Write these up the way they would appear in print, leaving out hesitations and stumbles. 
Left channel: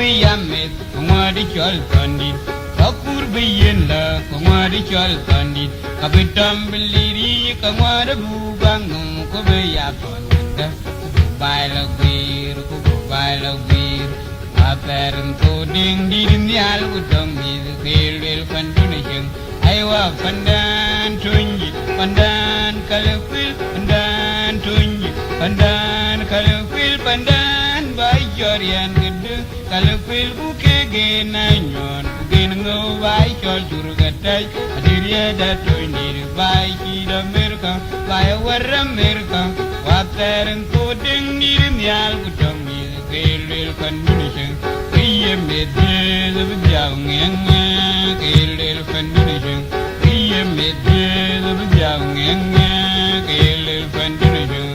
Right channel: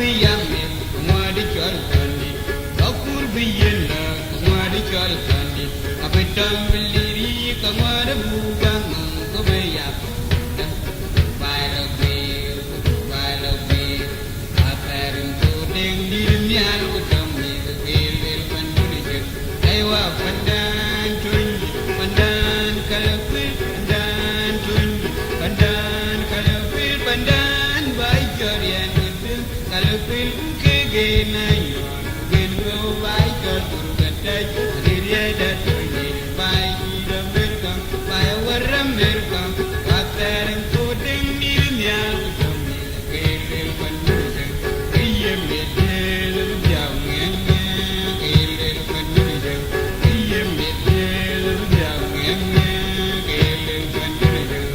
biyame kumadi chol kandi Kakur biyela kumadi chol kandi Kapitam biliri kamada bubang kubaya konda Baila bir kubaila bir Akarin koding dirim yal utam Idu kelwel pandune jeng Aywa pandan tunji pandan kalafil pandan tunji pandan kalafil pandan Bajarian gedung kalafil buke genanyon Bukin ngawai jol durgatai Adiria datunji Baji damirka Baya waramirka Wataran kodeng dirim yal utam Idu kelwel pandune jeng Kiye medel bijau ngeng kelwel pandune jeng Kiye medel bijau ngeng kelwel pandune jeng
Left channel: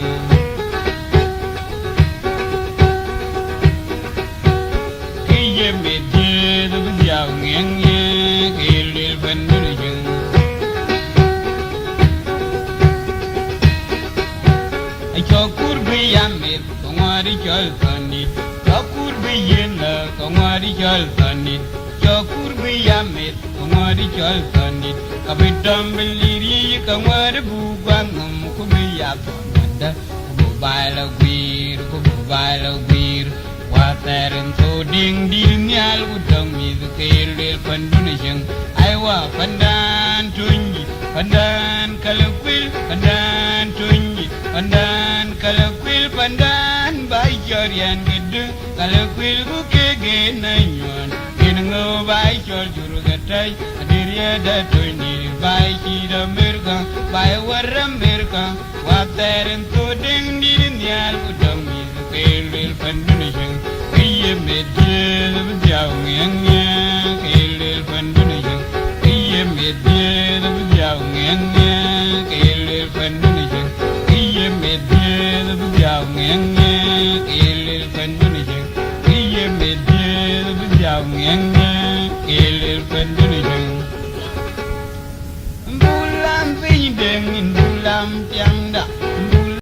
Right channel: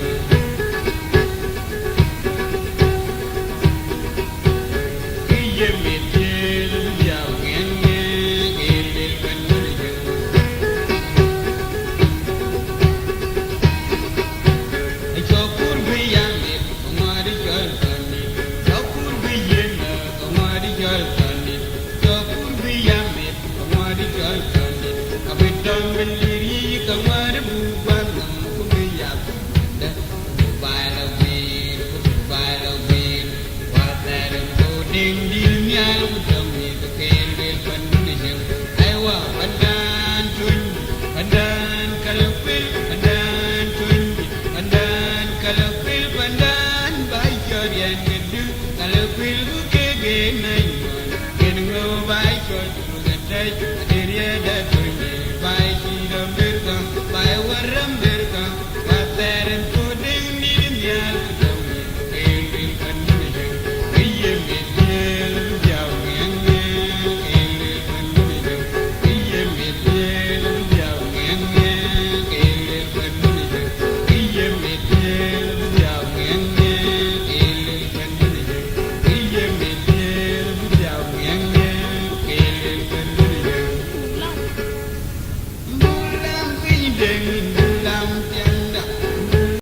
Kiye medel bijau ngeng kelwel pandune jeng Chokur biyame kumari chol kandi Chokur biyenda kumari chol kandi Chokur biyame kumari chol kandi Kapitam biliri kamada bubang kubiyap kanda Kubaila bir Wataran koding dilnyal utam Idu kelwel pandune jeng Aywa pandan tunji pandan kalafil pandan tunji pandan kalafil pandan Bajarian gedung kalafil buke genanyon Genengo bai chol durgatai Adiria datunji Bai kira mirka Bai warra